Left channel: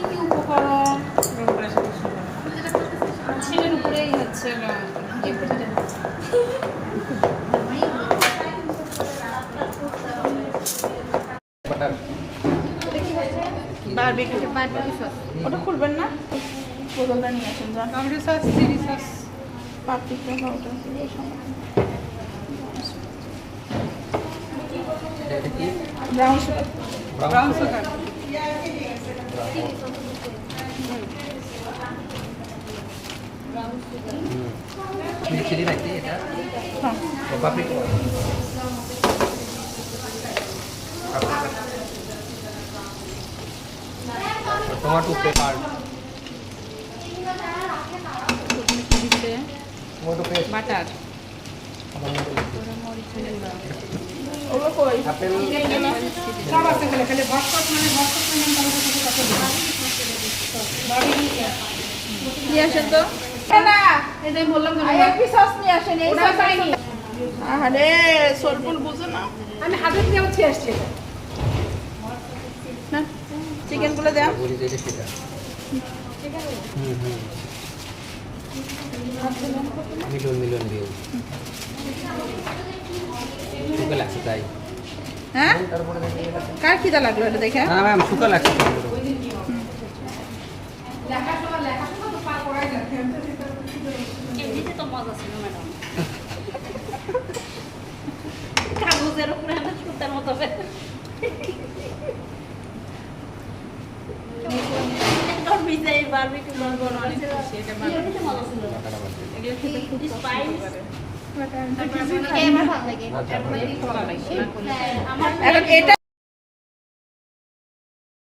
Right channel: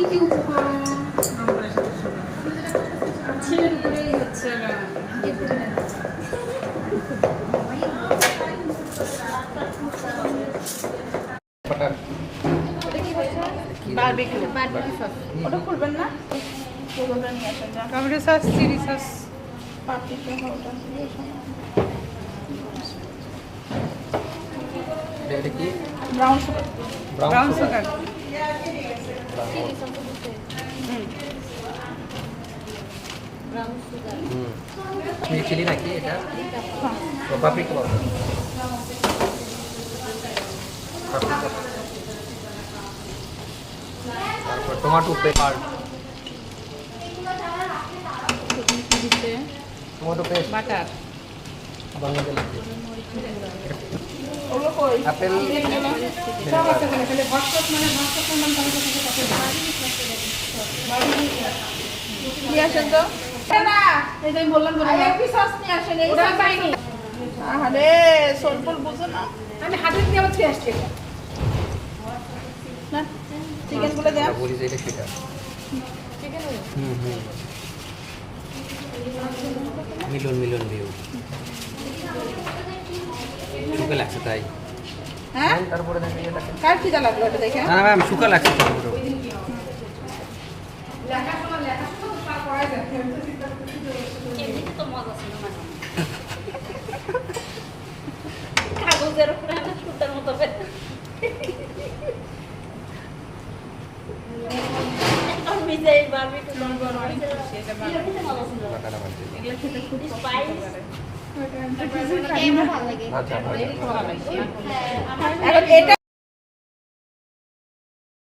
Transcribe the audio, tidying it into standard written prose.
কি কি উপকরণ ছেলের উপরেই হচ্ছে বারবিকিউ সস ওটা খুলবেন না tomato sauce chilli sauce paprika powder এটা কি brown sugar brown sugar chilli নাকি এটা paprika tomato pepper tomato paste butter আবার মধ্যে ওগুলো কই আপেল সব আছে খালি খালি ভটকট মানে ভটকট নাম তাহলে কাছে নিয়ে আসেন তো না এটাই বললাম যে আইএপি সস নিয়ে আসেন এই ওটা সস পাইনি আরে সরপুল বুঝে না আমি হাতের দিয়ে হচ্ছে আসছে না চিকেন গুলো দেন বলি যে এটা সেটা মিলন মিলন দিও শুকা লাগছে তাই হ্যাঁ তারপরে কার কি দা লাগলো এটা দেখে না না ম্যাম শুকা লাগছে কাগজের উপরে একটা সুতার মতো মিশাই বারবিকিউ এগুলো খেতে খুব পছন্দ করে আমার ভালো লাগে এটা